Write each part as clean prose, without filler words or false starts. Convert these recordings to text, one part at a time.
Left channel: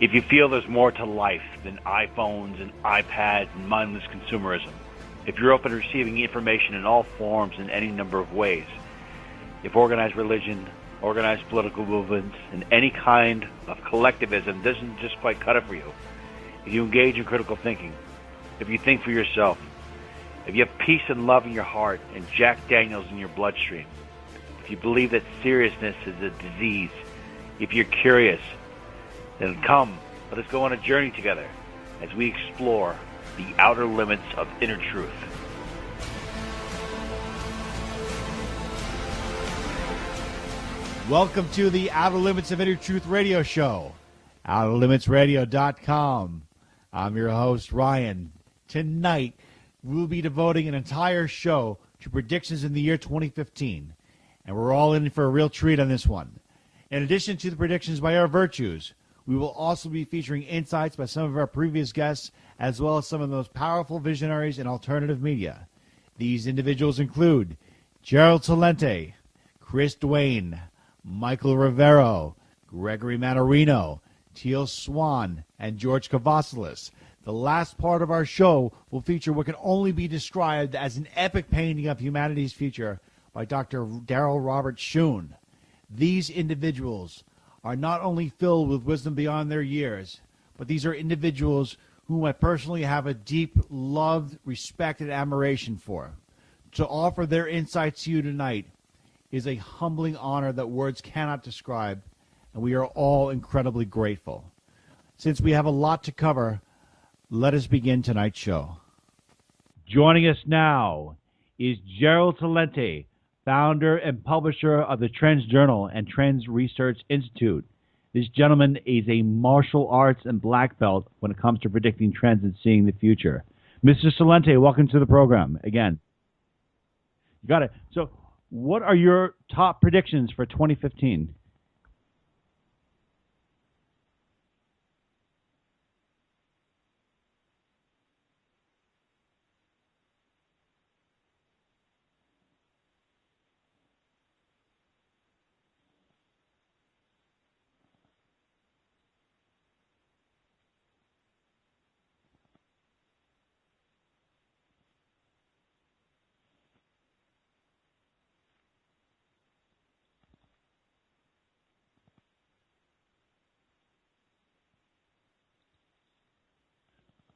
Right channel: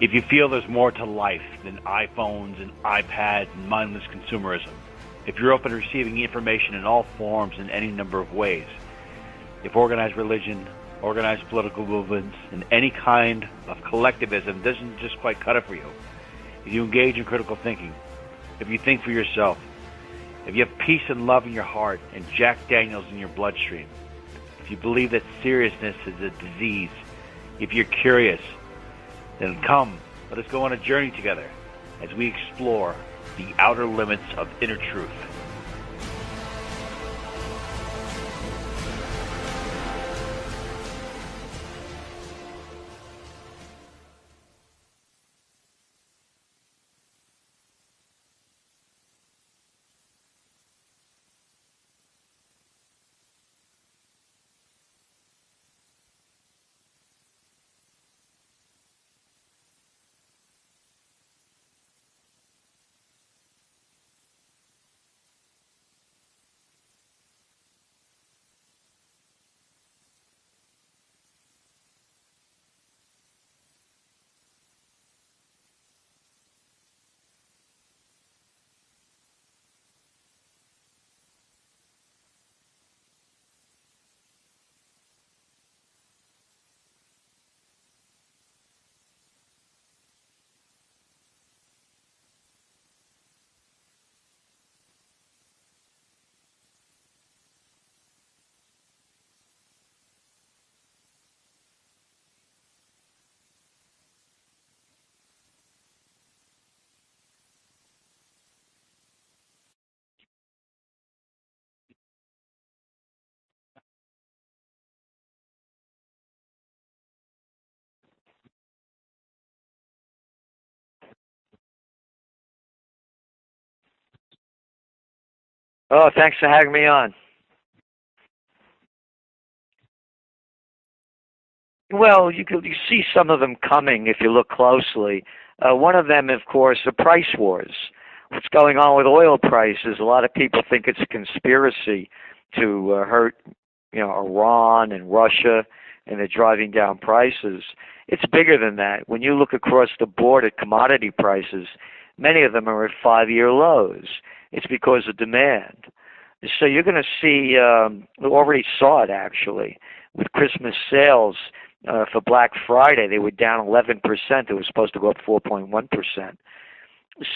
If you feel there's more to life than iPhones and iPads and mindless consumerism, if you're open to receiving information in all forms in any number of ways, if organized religion, organized political movements, and any kind of collectivism doesn't just quite cut it for you, if you engage in critical thinking, if you think for yourself, if you have peace and love in your heart and Jack Daniels in your bloodstream, if you believe that seriousness is a disease, if you're curious, then come, let us go on a journey together as we explore the outer limits of inner truth. Welcome to the Outer Limits of Inner Truth radio show, OuterLimitsRadio.com. I'm your host, Ryan. Tonight, we'll be devoting an entire show to predictions in the year 2015, and we're all in for a real treat on this one. In addition to the predictions by our virtues, we will also be featuring insights by some of our previous guests, as well as some of the most powerful visionaries in alternative media. These individuals include Gerald Celente, Chris Duane, Michael Rivero, Gregory Manarino, Teal Swan, and George Cavazos. The last part of our show will feature what can only be described as an epic painting of humanity's future by Dr. Darrell Robert Schoon. These individuals are not only filled with wisdom beyond their years, but these are individuals whom I personally have a deep, loved, respect, and admiration for. To offer their insights to you tonight is a humbling honor that words cannot describe, and we are all incredibly grateful. Since we have a lot to cover, let us begin tonight's show. Joining us now is Gerald Celente, founder and publisher of the Trends Journal and Trends Research Institute. This gentleman is a martial arts and black belt when it comes to predicting trends and seeing the future. Mr. Celente, welcome to the program again. Oh, thanks for having me on. Got it. So what are your top predictions for 2015? Well, you see some of them coming if you look closely. One of them, of course, are price wars. What's going on with oil prices? A lot of people think it's a conspiracy to hurt, Iran and Russia, and they're driving down prices. It's bigger than that. When you look across the board at commodity prices, many of them are at 5-year lows. It's because of demand. So you're going to see, we already saw it actually, with Christmas sales for Black Friday. They were down 11%. It was supposed to go up 4.1%.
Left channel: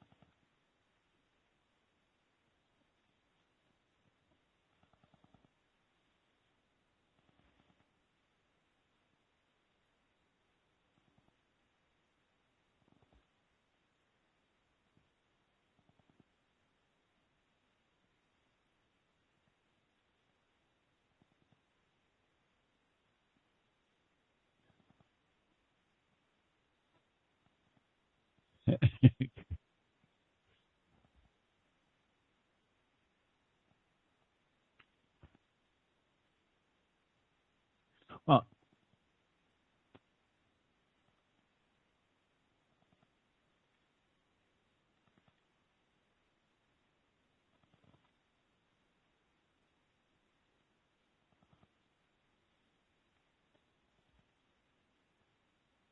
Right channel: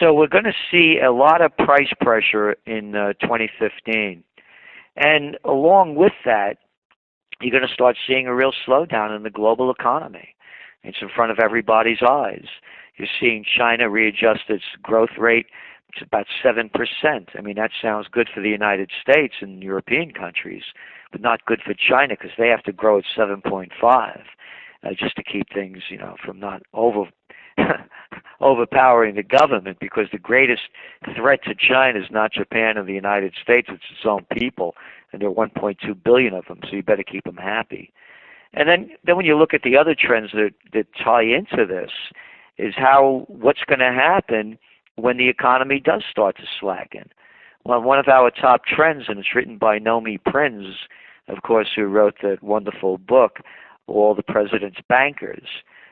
So we're going to see a lot of price pressure in 2015. And along with that, you're going to start seeing a real slowdown in the global economy. It's in front of everybody's eyes. You're seeing China readjust its growth rate to about 7%. I mean, that sounds good for the United States and European countries, but not good for China because they have to grow at 7.5 just to keep things, from not overpowering the government, because the greatest threat to China is not Japan and the United States, it's its own people, and there are 1.2 billion of them, so you better keep them happy. Oh. And then when you look at the other trends that tie into this, is what's going to happen when the economy does start to slacken. Well, one of our top trends, and it's written by Nomi Prinz, of course, who wrote that wonderful book, All the President's Bankers.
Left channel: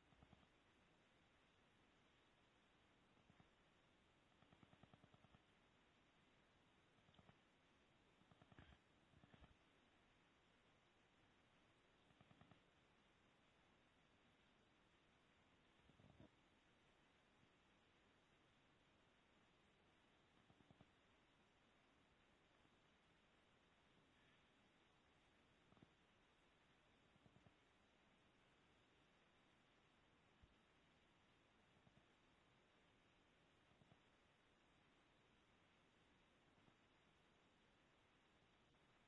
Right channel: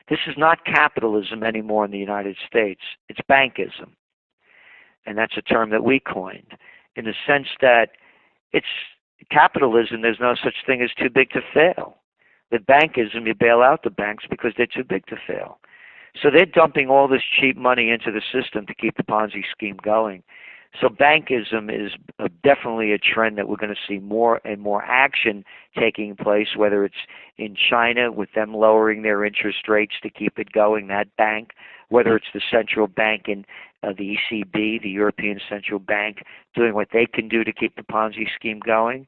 This is not capitalism anymore in the United States. It's bankism. And that's a term that we coined, in the sense that it's capitalism, there's no such thing as too big to fail. With bankism, you bail out the banks because they're too big to fail. So they're dumping all this cheap money into the system to keep the Ponzi scheme going. So bankism is definitely a trend that we're going to see more and more action taking place, whether it's in China with them lowering their interest rates to keep it going, that bank, whether it's the central bank in the ECB, the European Central Bank, doing what they can do to keep the Ponzi scheme going.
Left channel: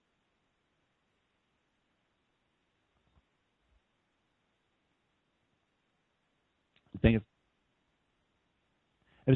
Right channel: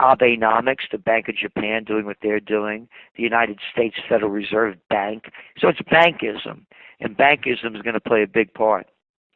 Abenomics, the Bank of Japan, doing what they're doing, the United States Federal Reserve Bank. So it's bankism, and bankism is going to play a big part.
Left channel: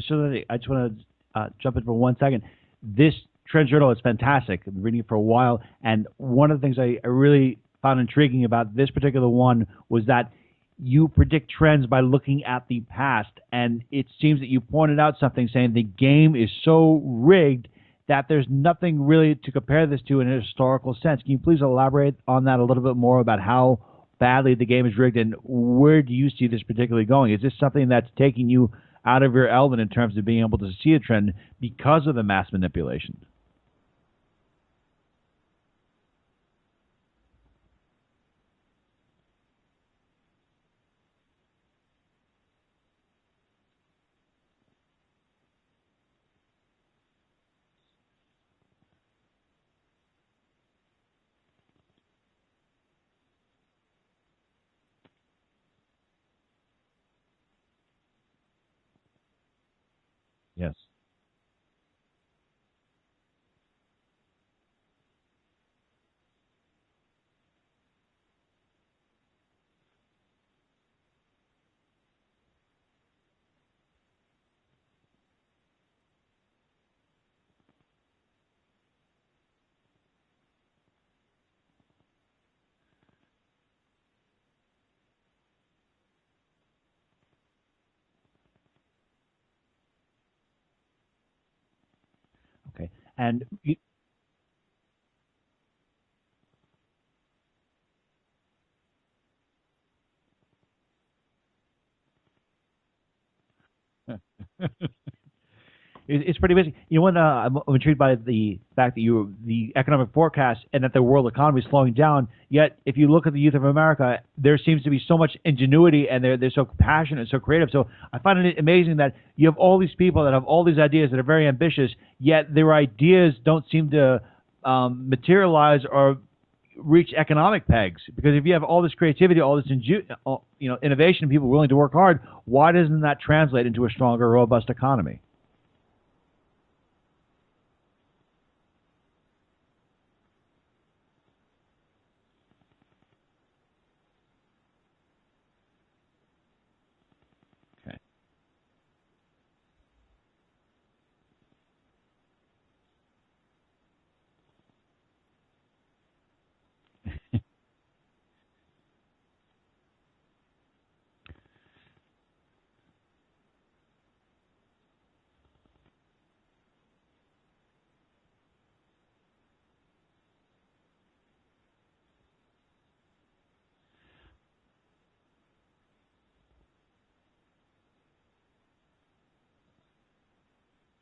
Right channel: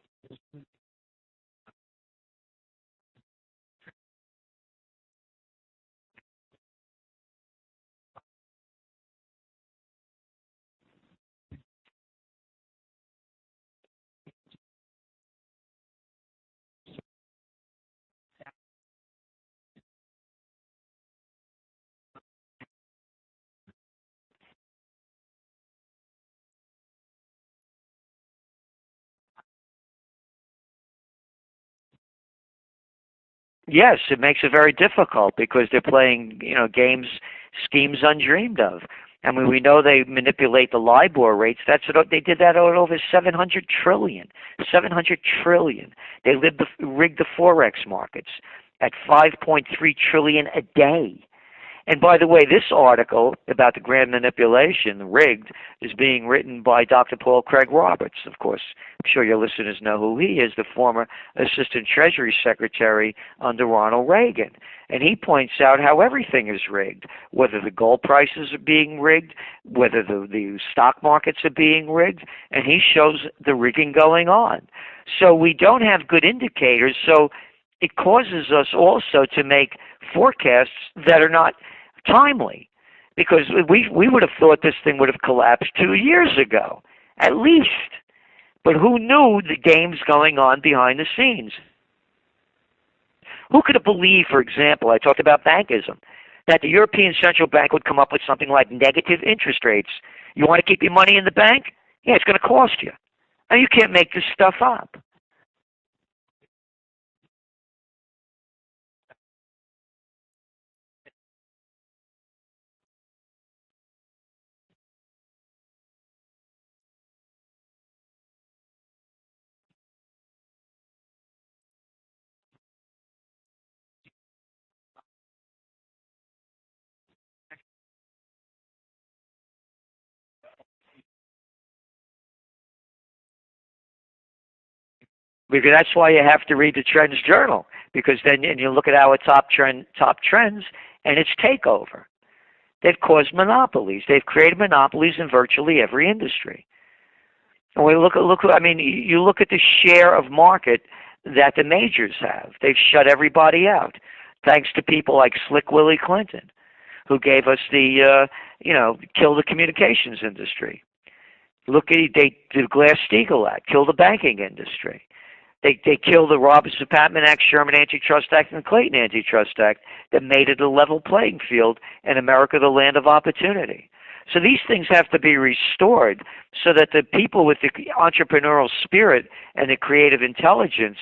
So I just want to jump in for 1 second. This Trend Journal is fantastic. I've been reading it for a while, and one of the things I really found intriguing about this particular one was that you predict trends by looking at the past, and it seems that you pointed out something saying the game is so rigged that there's nothing really to compare this to in a historical sense. Can you please elaborate on that a little bit more about how badly the game is rigged, and where do you see this particularly going? Is this something that's taking you out of your element in terms of being able to see a trend because of the mass manipulation? Yes, it makes it very difficult because they're playing, games, schemes undreamed of. I mean, we know they manipulate the LIBOR rates. They did that at over 700 trillion. 700 trillion. They rigged the forex markets at 5.3 trillion a day. And by the way, this article about the grand manipulation, rigged, is being written by Dr. Paul Craig Roberts. Of course, I'm sure your listeners know who he is, the former Assistant Treasury Secretary under Ronald Reagan. And he points out how everything is rigged, whether the gold prices are being rigged, whether the stock markets are being rigged, and he shows the rigging going on. So we don't have good indicators, so it causes us also to make forecasts that are not timely, because we would have thought this thing would have collapsed 2 years ago, at least. But who knew the game's going on behind the scenes? Okay. And who could have believed, for example, I talked about bankism, that the European Central Bank would come up with something like negative interest rates? You want to keep your money in the bank? Yeah, it's going to cost you. And you can't make this stuff up. It's pretty amazing. You know, I'm intrigued by the fact that the economic forecast and that the world economy is slowing down. Yet, if you look at the youth of America, there seems to be so much ingenuity, and they're so passionate and so creative. So I find it amazing that you have all these people that have all these ideas that are very ambitious, yet their ideas don't seem to materialize or reach economic pegs. Because if you have all this creativity, all this innovation, people willing to work hard, why doesn't that translate into a stronger, robust economy? Because that's why you have to read the Trends Journal, because then you look at our top trends, and it's takeover. They've caused monopolies. They've created monopolies in virtually every industry. And you look at the share of market that the majors have. They've shut everybody out, thanks to people like Slick Willie Clinton, who gave us the kill the communications industry. They did the Glass-Steagall Act, kill the banking industry. They killed the Roberts-Patman Act, Sherman Antitrust Act, and the Clayton Antitrust Act that made it a level playing field and America the land of opportunity. So these things have to be restored so that the people with the entrepreneurial spirit and the creative intelligence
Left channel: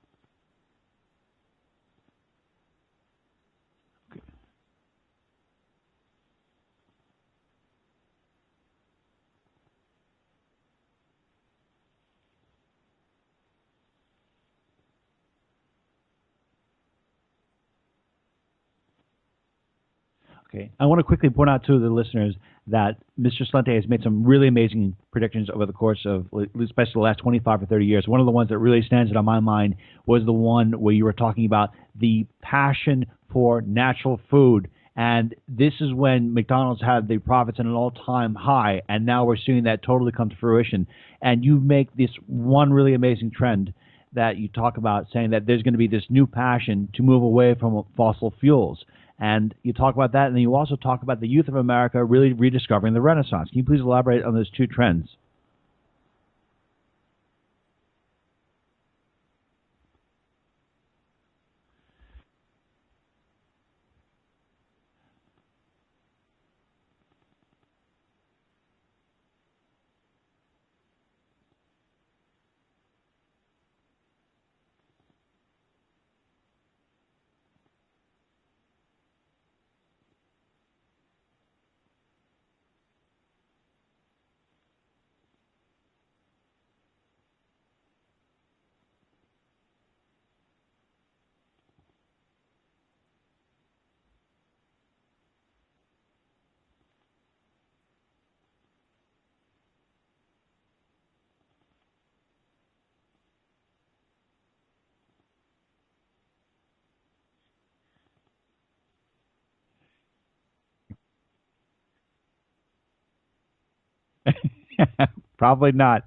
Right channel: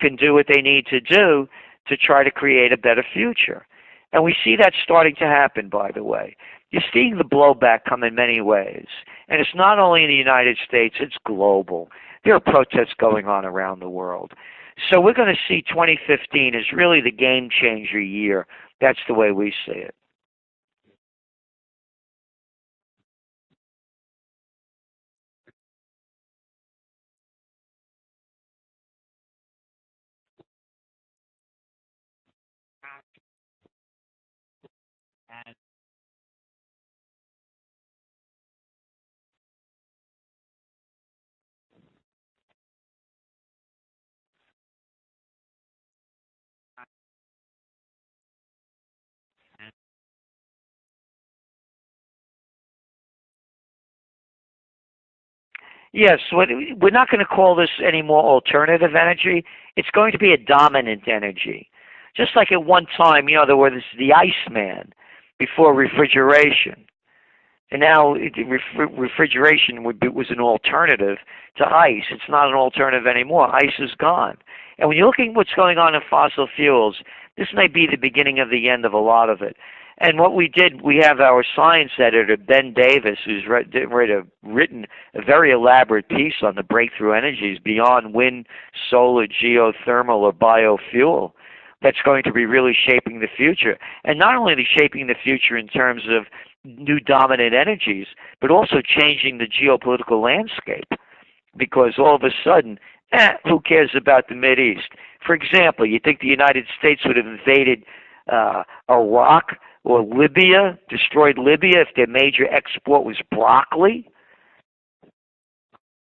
can do what they need to do to try to create a better future. And we see that starting to happen, by the way. You're seeing the blowback come in many ways. And it's not only in the United States, it's global. There are protests going on around the world. So we're going to see 2015 as really the game-changer year. That's the way we see it. Okay. I want to quickly point out to the listeners that Mr. Celente has made some really amazing predictions over the course of, especially the last 25 or 30 years. One of the ones that really stands out on my mind was the one where you were talking about the passion for natural food. And this is when McDonald's had the profits at an all-time high, and now we're seeing that totally come to fruition. And you make this one really amazing trend that you talk about, saying that there's going to be this new passion to move away from fossil fuels. And you talk about that, and then you also talk about the youth of America really rediscovering the Renaissance. Can you please elaborate on those two trends? Yes, we're not going to call this any more alternative energy. It's going to be a dominant energy. Just like at one time, there was the Iceman before refrigeration. And now refrigeration was an alternative to ice. It's not an alternative anymore. Ice is gone. And when you're looking at what's going on in fossil fuels, this may be the beginning of the end of a lot of it. And what we did, we have our science editor, Ben Davis, who's written a very elaborate piece on the breakthrough energies beyond wind, solar, geothermal, or biofuel. That's going to be really shaping the future. And not only shaping the future in terms of new dominant energies, but also changing the geopolitical landscape. Because all of a sudden, who cares about the Mideast? For example, you think the United States would have invaded Iraq or Libya, destroyed Libya, if their major export was broccoli? Probably not.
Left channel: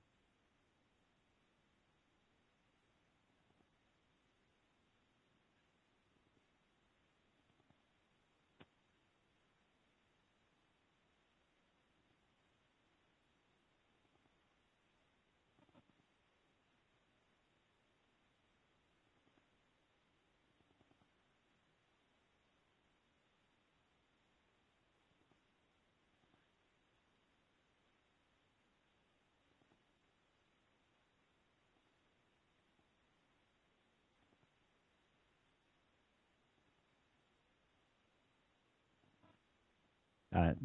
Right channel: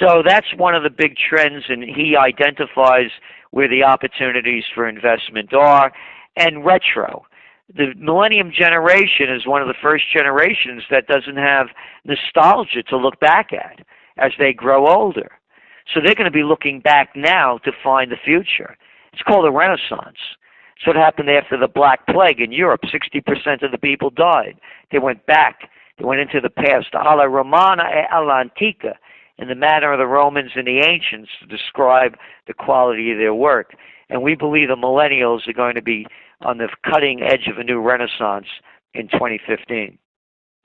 So that's one of the big trends, and he identifies where the opportunities for investment are. And retro. The millennium generation is one of the first generations that doesn't have nostalgia to look back at as they grow older. So they're going to be looking back now to find the future. It's called a renaissance. So what happened after the Black Plague in Europe? 60% of the people died. They went back. They went into the past. Alla Romana e alla Antica, in the manner of the Romans and the ancients, to describe the quality of their work. And we believe the millennials are going to be on the cutting edge of a new renaissance in 2015.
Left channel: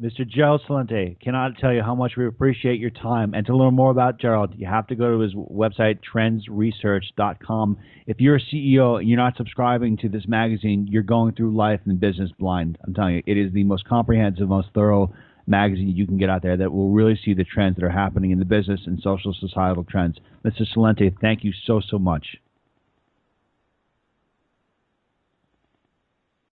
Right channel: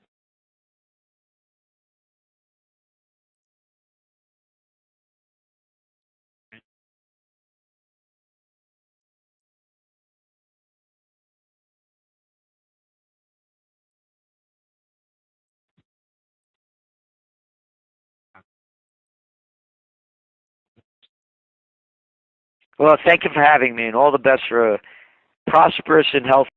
Mr. Gerald Celente, cannot tell you how much we appreciate your time. And to learn more about Gerald, you have to go to his website, trendsresearch.com. If you're a CEO and you're not subscribing to this magazine, you're going through life and business blind. I'm telling you, it is the most comprehensive, most thorough magazine you can get out there that will really see the trends that are happening in the business and social societal trends. Mr. Celente, thank you so much. Well, thank you for having me, and all the best for a prosperous and healthy